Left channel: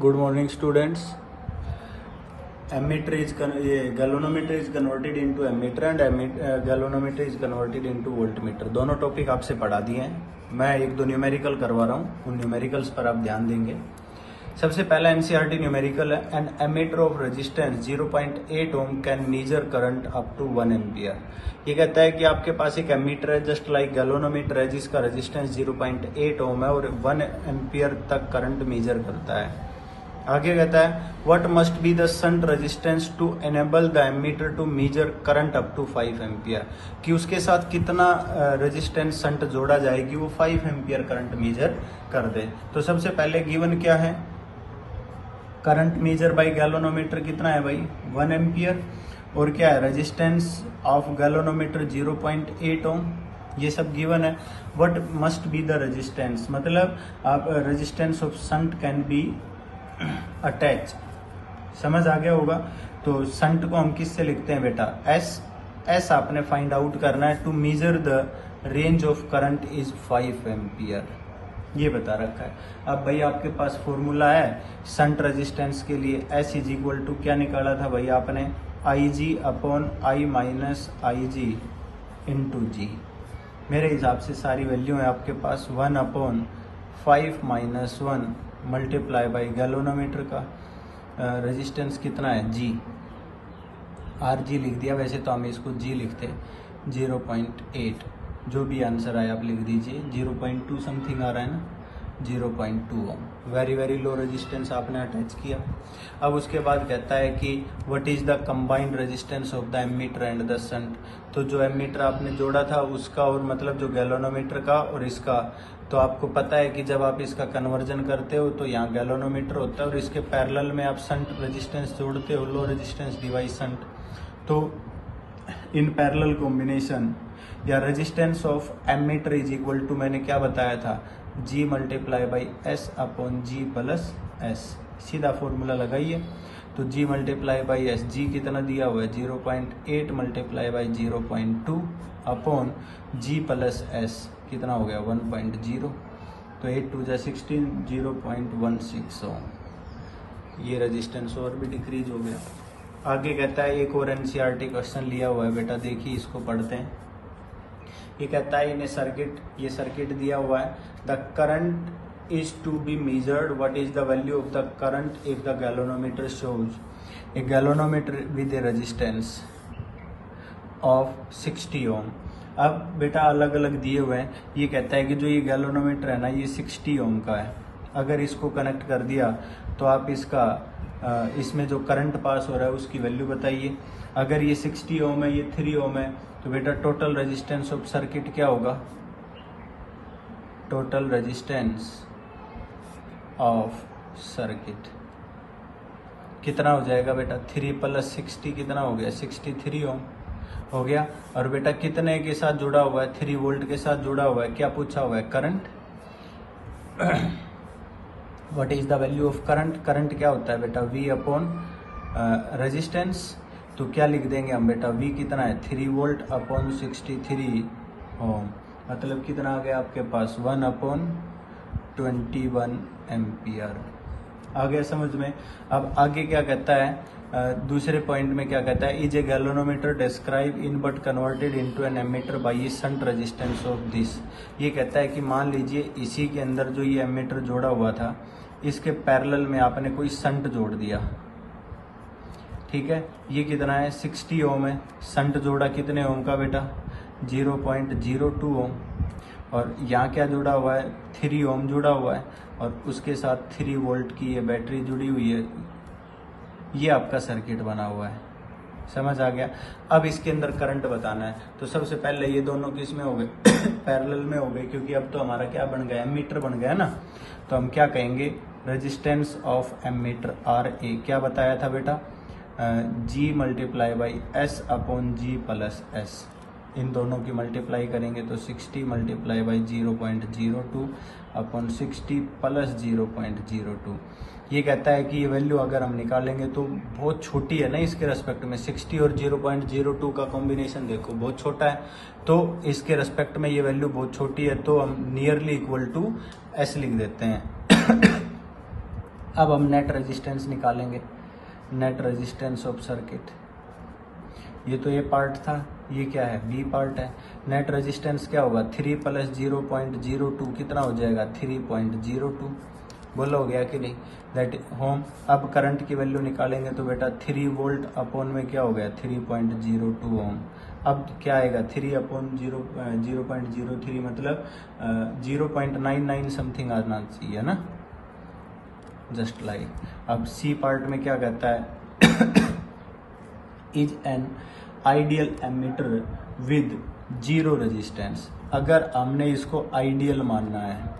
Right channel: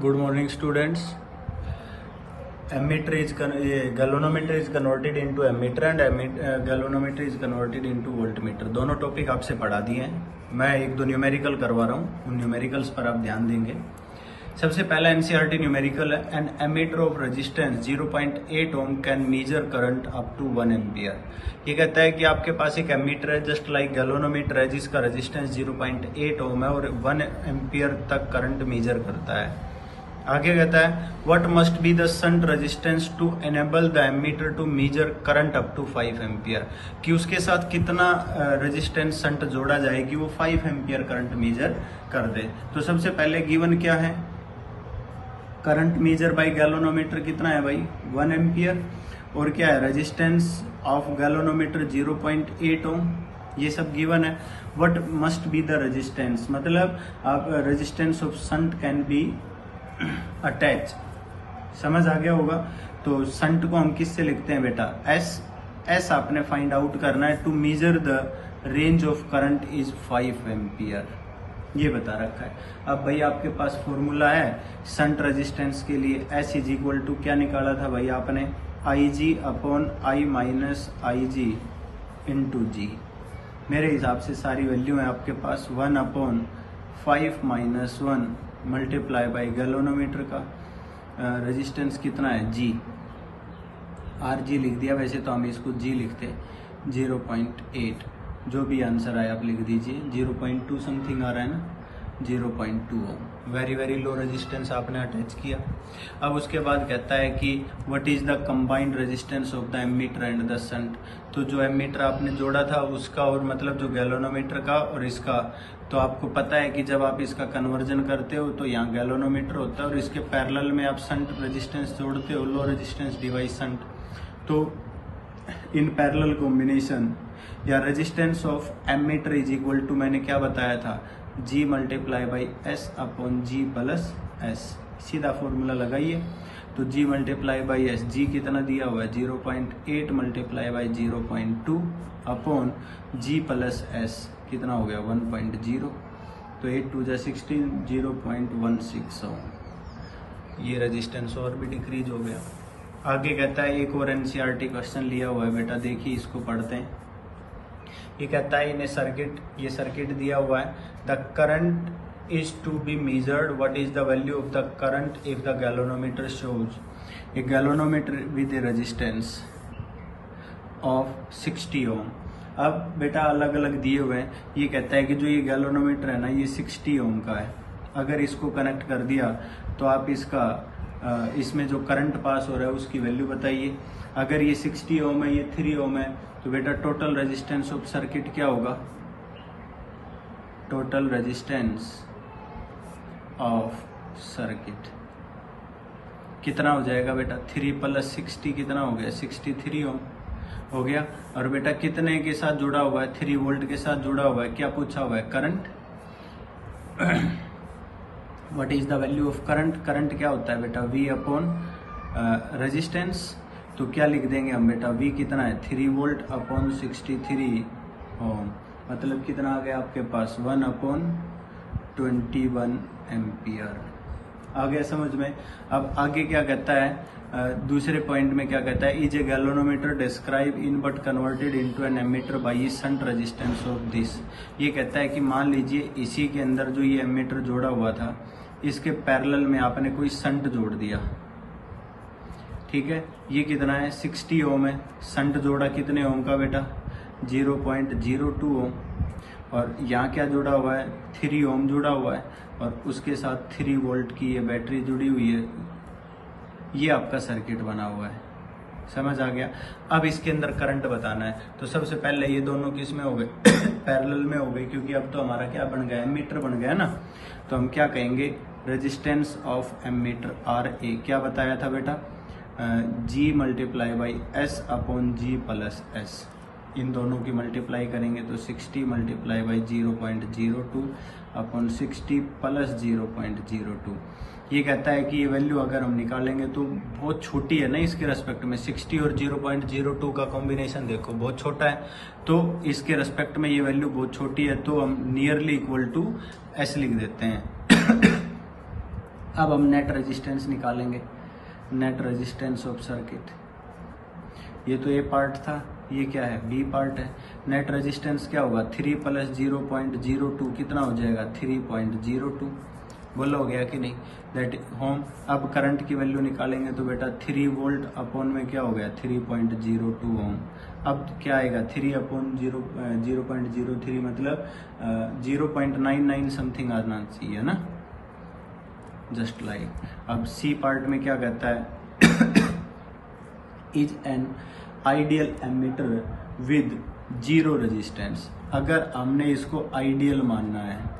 Good morning, students. Ammeter is galvanometer is converted into ammeter and galvanometer is converted into voltmeter. दोनों topic आपसे पढ़ा दिए हैं. मैं एक दो न्यूमेरिकल करवा रहा हूँ, उन न्यूमेरिकल्स पर आप ध्यान देंगे. सबसे पहला एनसीईआरटी न्यूमेरिकल है. An ammeter of resistance 0.8 ohm can measure current up to 1 ampere. ये कहता है कि आपके पास एक एमीटर है जस्ट लाइक गैल्वेनोमीटर है जिसका रेजिस्टेंस 0.8 ओम है और 1 एम्पियर तक करंट मेजर करता है. आगे कहता है what must be the shunt resistance to enable the ammeter to measure current up to 5 ampere, कि उसके साथ कितना रेजिस्टेंस शंट जोड़ा जाए कि वो 5 एम्पियर करंट मेजर कर दे. तो सबसे पहले गिवन क्या है, करंट मेजर बाय गैल्वेनोमीटर कितना है भाई 1 एम्पियर, और क्या है रेजिस्टेंस ऑफ गैल्वेनोमीटर 0.8 ओम. ये सब गिवन है. What must be the resistance, मतलब आप resistance of shunt can be attach. समझ आ गया होगा. तो शंट को हम किससे लिखते हैं बेटा एस आपने फाइंड आउट करना है. To measure the range of current is 5 ampere, ये बता रखा है. अब भाई आपके पास फॉर्मूला है शंट रेजिस्टेंस के लिए. एस इज इक्वल टू क्या निकाला था भाई आपने, I G upon I minus I G into G. मेरे हिसाब से सारी वैल्यू है आपके पास 1 upon 5 minus 1 multiply by galvanometer का रेजिस्टेंस कितना है जी, आर जी लिख दिया. वैसे तो हम इसको जी लिखते 0.8, जो भी आंसर आया आप लिख दीजिए. 0.2 समथिंग आ रहा है ना, 0.2. वेरी वेरी लो रेजिस्टेंस आपने अटैच किया. अब उसके बाद कहता है कि what is the combined resistance of the ammeter and the shunt. तो जो एमीटर आपने जोड़ा था उसका और मतलब जो गैल्वेनोमीटर का और इसका, तो आपको पता है कि जब आप इसका कन्वर्जन करते हो तो यहाँ गैल्वेनोमीटर होता है और इसके पैरेलल में आप शंट रेजिस्टेंस जोड़ते हो, लो रेजिस्टेंस डिवाइस शंट. तो इन पैरेलल कॉम्बिनेशन या resistance of ammeter is equal to मैंने क्या बताया था G multiply by S upon G plus S. सीधा फॉर्मूला लगाइए. तो G multiply by S, G कितना दिया हुआ है 0.8 multiply by 0.2 upon G plus S कितना हो गया 1.0. तो 8 2 16 0.16 ओम. ये रेजिस्टेंस और भी डिक्रीज हो गया. आगे कहता है एक और एनसीईआरटी क्वेश्चन लिया हुआ है बेटा, देखिए इसको पढ़ते हैं. ये कहता है इन सर्किट, ये सर्किट दिया हुआ है. The current is to be measured, what is the value of the current if the galvanometer shows a galvanometer with a resistance of 60 ohm. अब बेटा अलग अलग दिए हुए हैं. ये कहता है कि जो ये गैल्वेनोमीटर है ना ये 60 ओम का है. अगर इसको कनेक्ट कर दिया तो आप इसका इसमें जो करंट पास हो रहा है उसकी वैल्यू बताइए. अगर ये 60 ओम है, ये 3 ओम है, तो बेटा टोटल रेजिस्टेंस ऑफ सर्किट क्या होगा, टोटल रेजिस्टेंस ऑफ सर्किट कितना हो जाएगा बेटा 3 प्लस 60 कितना हो गया 63 ओम हो गया. और बेटा कितने के साथ जुड़ा हुआ है 3 वोल्ट के साथ जुड़ा हुआ है. क्या पूछा हुआ है current. What is the value of current. Current क्या होता है बेटा V अपॉन रेजिस्टेंस. तो क्या लिख देंगे हम बेटा V कितना है 3 वोल्ट अपॉन 63 ओम, मतलब कितना आ गया आपके पास 1 अपॉन 21 एम्पियर. आ गया समझ में. अब आगे क्या कहता है दूसरे पॉइंट में क्या कहता है, is a galvanometer describe in but converted into an ammeter by shunt resistance of this. ये कहता है कि मान लीजिए इसी के अंदर जो ये एमीटर जोड़ा हुआ था इसके पैरेलल में आपने कोई शंट जोड़ दिया. ठीक है, ये कितना है 60 ओम है. शंट जोड़ा कितने ओम का बेटा 0.02 ओम. और यहाँ क्या जुड़ा हुआ है 3 ओम जुड़ा हुआ है और उसके साथ 3 वोल्ट की ये बैटरी जुड़ी हुई है. ये आपका सर्किट बना हुआ है. समझ आ गया. अब इसके अंदर करंट बताना है. तो सबसे पहले ये दोनों किस में हो गए पैरेलल में हो गए, क्योंकि अब तो हमारा क्या बन गया एमीटर बन गया ना. तो हम क्या कहेंगे रेजिस्टेंस ऑफ एमीटर RA क्या बताया था बेटा G multiply by S upon G plus S. इन दोनों की मल्टीप्लाई करेंगे तो 60 मल्टीप्लाई बाई 0.02 अपॉन 60 प्लस 0.02. ये कहता है कि ये वैल्यू अगर हम निकालेंगे तो बहुत छोटी है ना इसके रेस्पेक्ट में. 60 और 0.02 का कॉम्बिनेशन देखो बहुत छोटा है, तो इसके रेस्पेक्ट में ये वैल्यू बहुत छोटी है, तो हम नियरली इक्वल टू एस लिख देते हैं. अब हम नेट रेजिस्टेंस निकालेंगे, नेट रेजिस्टेंस ऑफ सर्किट। ये तो ए पार्ट था, ये क्या है, बी पार्ट है। नेट रेजिस्टेंस क्या होगा, 3 + 0.02 कितना हो जाएगा, 3.02। बोला हो गया कि नहीं, दैट होम। अब करंट की वैल्यू निकालेंगे तो बेटा 3 वोल्ट अपॉन में क्या हो गया, 3.02 ओम। अब क्या आएगा, 3/0.03 मतलब 0.99 समथिंग आना चाहिए ना, जस्ट लाइक। अब सी पार्ट में क्या कहता है, is an ideal ammeter with 0 resistance. अगर हमने इसको आइडियल मानना है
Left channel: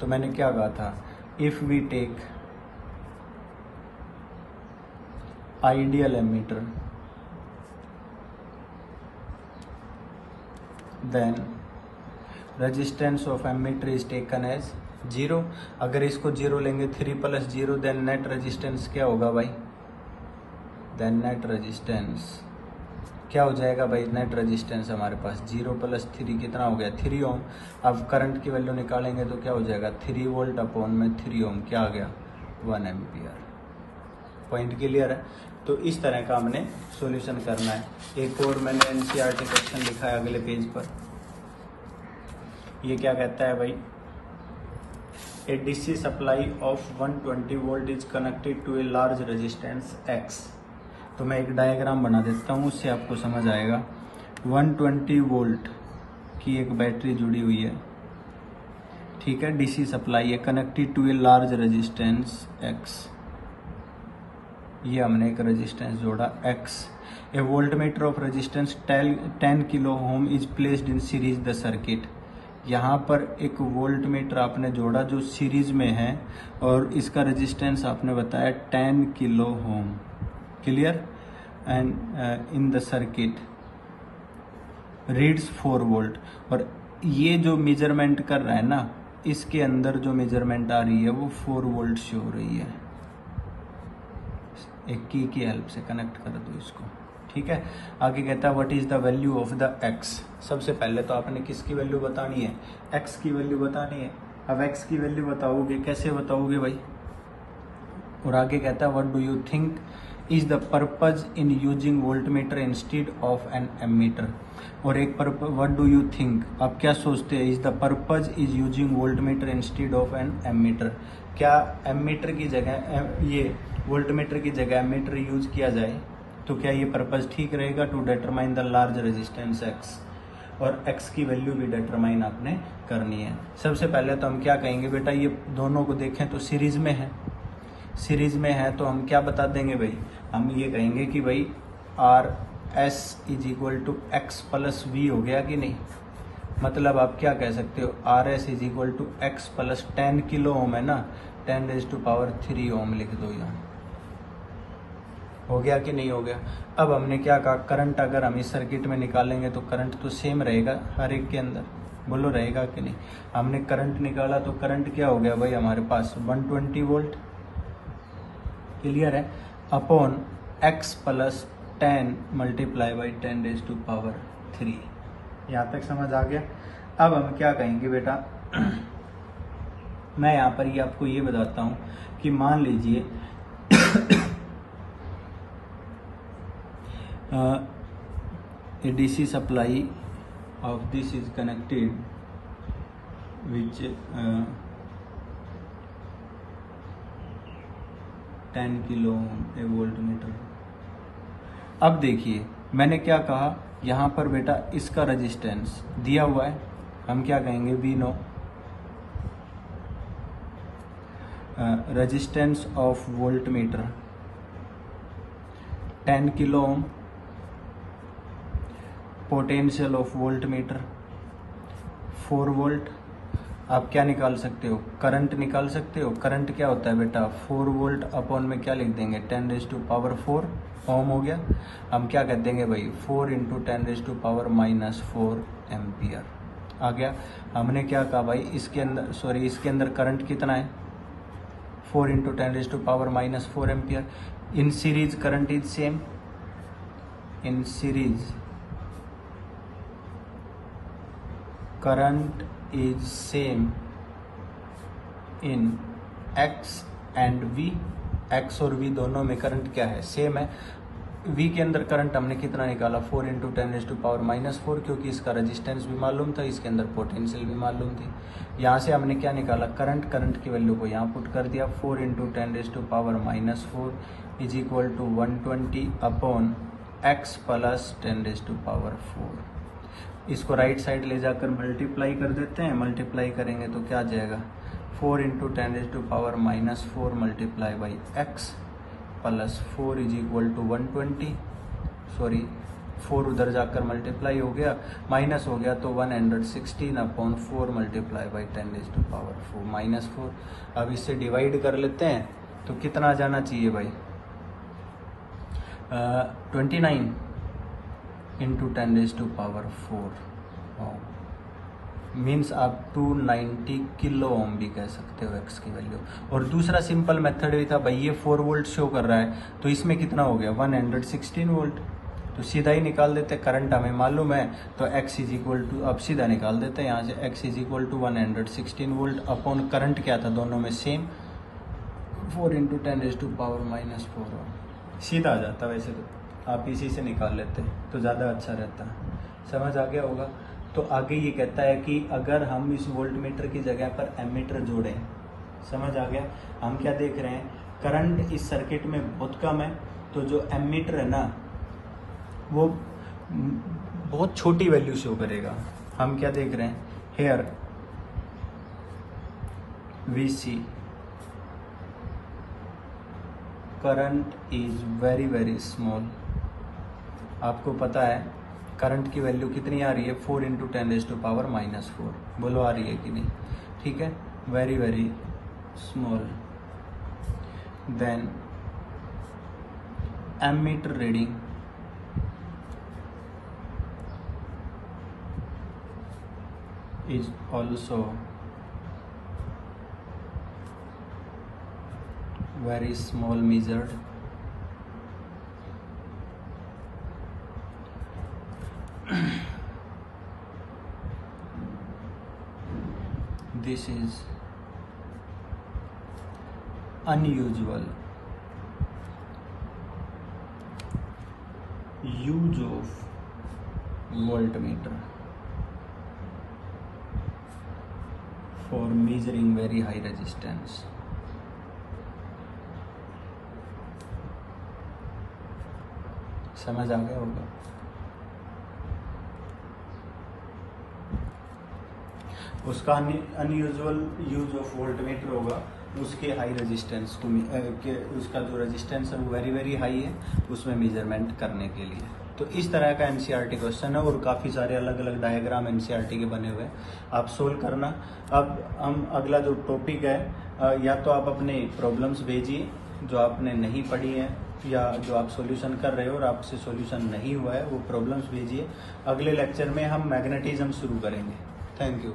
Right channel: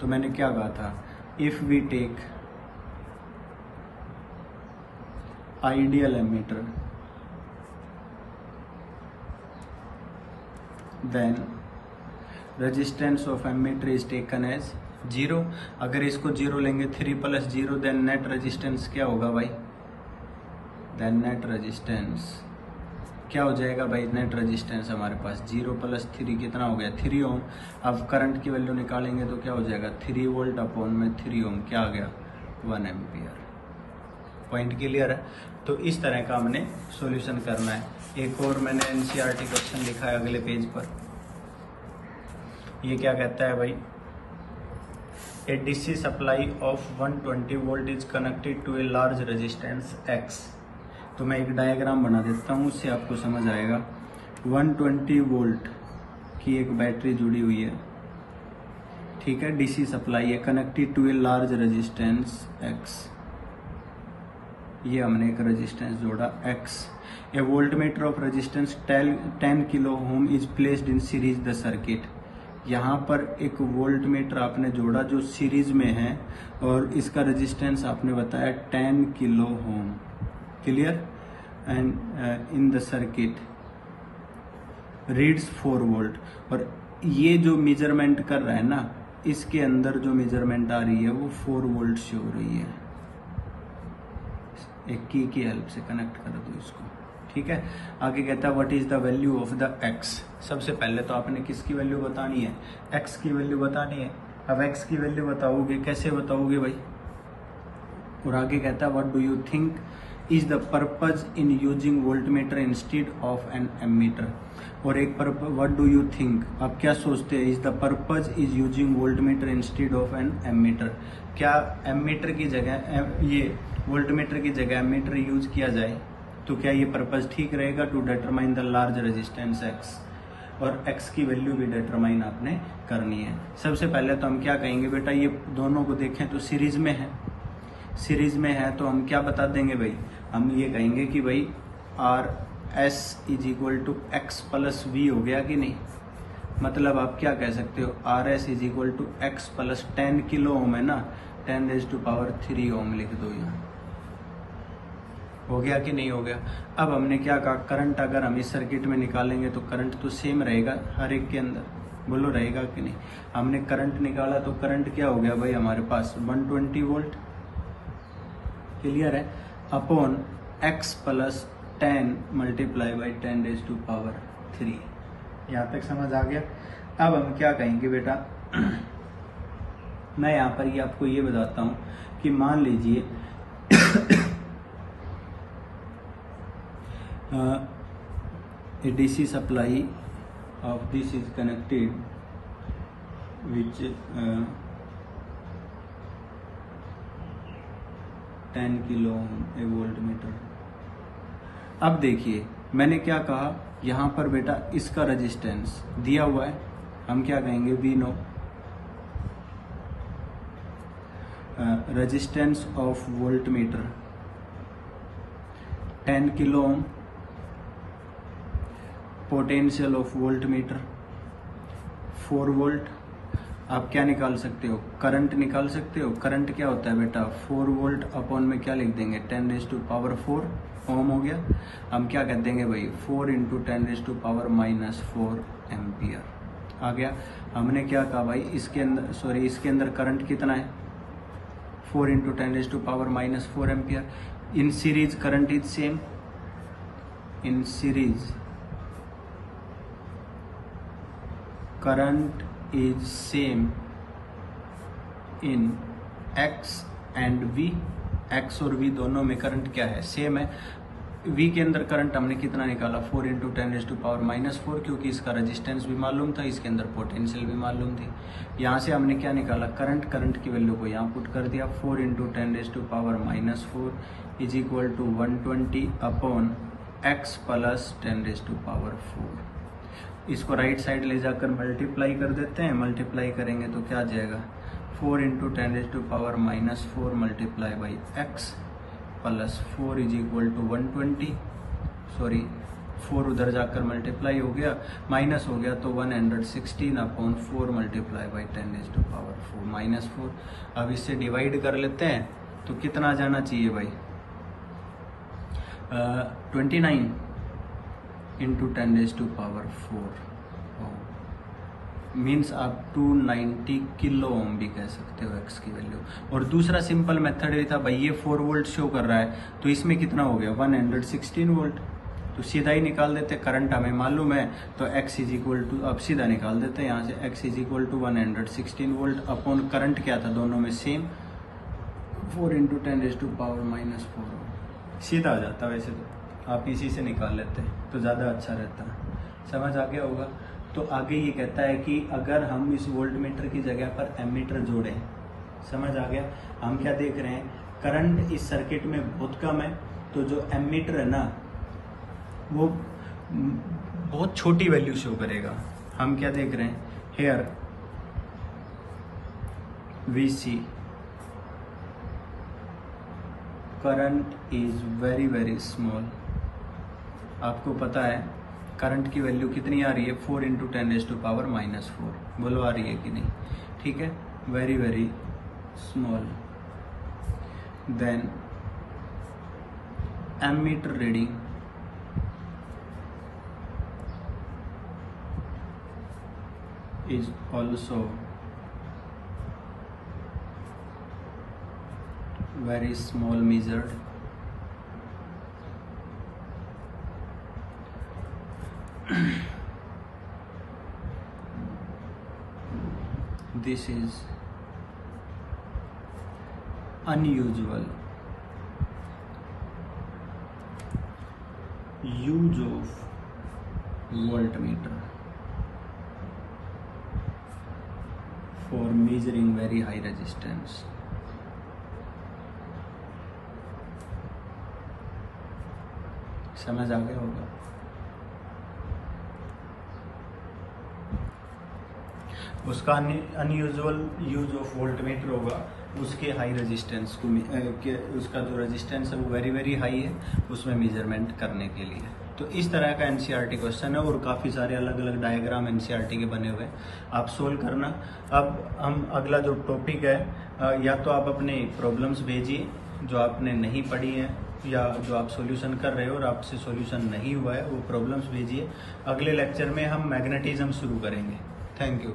तो मैंने क्या कहा था, if we take ideal ammeter then resistance of ammeter is taken as 0। अगर इसको 0 लेंगे, 3 + 0, देन नेट रेजिस्टेंस क्या होगा भाई, देन नेट रेजिस्टेंस क्या हो जाएगा भाई, नेट रेजिस्टेंस हमारे पास 0 + 3 कितना हो गया, 3 ओम। अब करंट की वैल्यू निकालेंगे तो क्या हो जाएगा, 3 वोल्ट अपॉन में 3 ओम, क्या आ गया, 1 एम्पियर। पॉइंट क्लियर है। तो इस तरह का हमने सॉल्यूशन करना है। एक और मैंने एनसीईआरटी क्वेश्चन लिखा है अगले पेज पर। ये क्या कहता है भाई, a DC supply of 120 volt is connected to a large resistance X. तो मैं एक डायग्राम बना देता हूँ, उससे आपको समझ आएगा। 120 वोल्ट की एक बैटरी जुड़ी हुई है, ठीक है, डीसी सप्लाई है, connected to a large resistance X. ये हमने एक रेजिस्टेंस जोड़ा X. A voltmeter of resistance 10 kilo ohm is placed in series the circuit. यहाँ पर एक वोल्टमीटर आपने जोड़ा जो सीरीज में है और इसका रेजिस्टेंस आपने बताया 10 kilo Om. Clear. And in the circuit reads 4 volt. और ये जो मेजरमेंट कर रहा है ना, इसके अंदर जो मेजरमेंट आ रही है वो 4 वोल्ट से हो रही है। एक की हेल्प से कनेक्ट कर दो इसको, ठीक है। आगे कहता है what is the value of the x. सबसे पहले तो आपने किसकी वैल्यू बतानी है, एक्स की वैल्यू बतानी है। अब एक्स की वैल्यू बताओगे, कैसे बताओगे भाई। और आगे कहता है what do you think is the purpose in using voltmeter instead of an ammeter. और एक व्हाट डू यू थिंक, आप क्या सोचते हैं, is the purpose is using voltmeter instead of an ammeter. क्या एमीटर की जगह, ये वोल्टमीटर की जगह एमीटर यूज किया जाए तो क्या ये पर्पज ठीक रहेगा, to determine the large resistance X. और एक्स की वैल्यू भी डिटरमाइन आपने करनी है। सबसे पहले तो हम क्या कहेंगे बेटा, ये दोनों को देखें तो सीरीज में है, सीरीज में है तो हम क्या बता देंगे भाई, हम ये कहेंगे कि भाई R S is equal to X plus V हो गया कि नहीं। मतलब आप क्या कह सकते हो, R S is equal to X plus 10 kilo ohm है ना, 10⁻³ ओम लिख दो। ये हो गया कि नहीं हो गया। अब हमने क्या कहा, करंट अगर हम इस सर्किट में निकालेंगे तो करंट तो सेम रहेगा हर एक के अंदर, बोलो रहेगा कि नहीं। हमने करंट निकाला तो करंट क्या हो गया भाई हमारे पास 120 वोल्ट। क्लियर है। Upon x plus 10 multiply by 10⁻³ यहाँ तक समझ आ गया। अब हम क्या कहेंगे बेटा, मैं यहाँ पर ये आपको ये बताता हूँ कि मान लीजिए a DC supply of this is connected which 10 kilo a voltmeter. अब देखिए मैंने क्या कहा, यहाँ पर बेटा इसका रेजिस्टेंस दिया हुआ है, हम क्या कहेंगे, we know resistance of voltmeter 10 kilo ohm, potential of voltmeter 4 volt. आप क्या निकाल सकते हो, करंट निकाल सकते हो। करंट क्या होता है बेटा, 4 वोल्ट अपॉन में क्या लिख देंगे, 10⁻⁴ ओम हो गया। हम क्या कर देंगे भाई, 4 × 10⁻⁻⁴ एम्पियर आ गया। हमने क्या कहा भाई, इसके अंदर सॉरी इसके अंदर करंट कितना है, 4 × 10⁻⁻⁴ ampere. In series current is same, in series current is same in x and V, X और वी दोनों में करंट क्या है, सेम है। वी के अंदर करंट हमने कितना निकाला, 4 × 10⁻⁻⁴, क्योंकि इसका रेजिस्टेंस भी मालूम था, इसके अंदर पोटेंशियल भी मालूम थी। यहाँ से हमने क्या निकाला, करंट की वैल्यू को यहाँ पुट कर दिया, 4 × 10⁻⁻⁴ is equal to 120 upon x plus 10⁻⁴। इसको राइट साइड ले जाकर मल्टीप्लाई कर देते हैं। मल्टीप्लाई करेंगे तो क्या आ जाएगा, 4 × 10⁻⁻⁴ multiply by x plus 4 is equal to 120, sorry 4 उधर जाकर मल्टीप्लाई हो गया, माइनस हो गया तो 116 अपॉन 4 मल्टीप्लाई बाई 10⁻⁴ माइनस 4। अब इससे डिवाइड कर लेते हैं तो कितना आ जाना चाहिए भाई, 29 × 10⁻⁴ मीन्स आप 290 किलो ओम भी कह सकते हो एक्स की वैल्यू। और दूसरा सिंपल मेथड ये था भाई, ये 4 वोल्ट शो कर रहा है तो इसमें कितना हो गया, 116 वोल्ट। तो सीधा ही निकाल देते, करंट हमें मालूम है तो x इज इक्वल टू, अब सीधा निकाल देते हैं यहाँ से, x is equal to 116 volt upon current क्या था दोनों में सेम, 4 × 10⁻⁻⁴। सीधा आ जाता, वैसे तो आप इसी से निकाल लेते हैं तो ज़्यादा अच्छा रहता है। समझ आ गया होगा। तो आगे ये कहता है कि अगर हम इस वोल्ट मीटर की जगह पर एमीटर जोड़ें, समझ आ गया। हम क्या देख रहे हैं, करंट इस सर्किट में बहुत कम है, तो जो एमीटर है ना वो बहुत छोटी वैल्यू शो करेगा। हम क्या देख रहे हैं, here we see current is very very small. आपको पता है करंट की वैल्यू कितनी आ रही है, 4 × 10⁻⁻⁴। बोलो आ रही है कि नहीं, ठीक है, very very small. Then ammeter reading is also very small measured. This is unusual use of voltmeter for measuring very high resistance. समझ आ गया होगा। उसका अनयूजुअल यूज ऑफ वोल्टमीटर होगा, उसके हाई रेजिस्टेंस को, उसका जो रेजिस्टेंस है वो वेरी वेरी हाई है, उसमें मेजरमेंट करने के लिए। तो इस तरह का एनसीईआरटी क्वेश्चन है और काफ़ी सारे अलग अलग डायग्राम एनसीईआरटी के बने हुए, आप सोल्व करना। अब हम अगला जो टॉपिक है, या तो आप अपने प्रॉब्लम्स भेजिए जो आपने नहीं पढ़ी है या जो आप सॉल्यूशन कर रहे हो और आपसे सॉल्यूशन नहीं हुआ है, वो प्रॉब्लम्स भेजिए। अगले लेक्चर में हम मैग्नेटिज्म शुरू करेंगे। Thank you.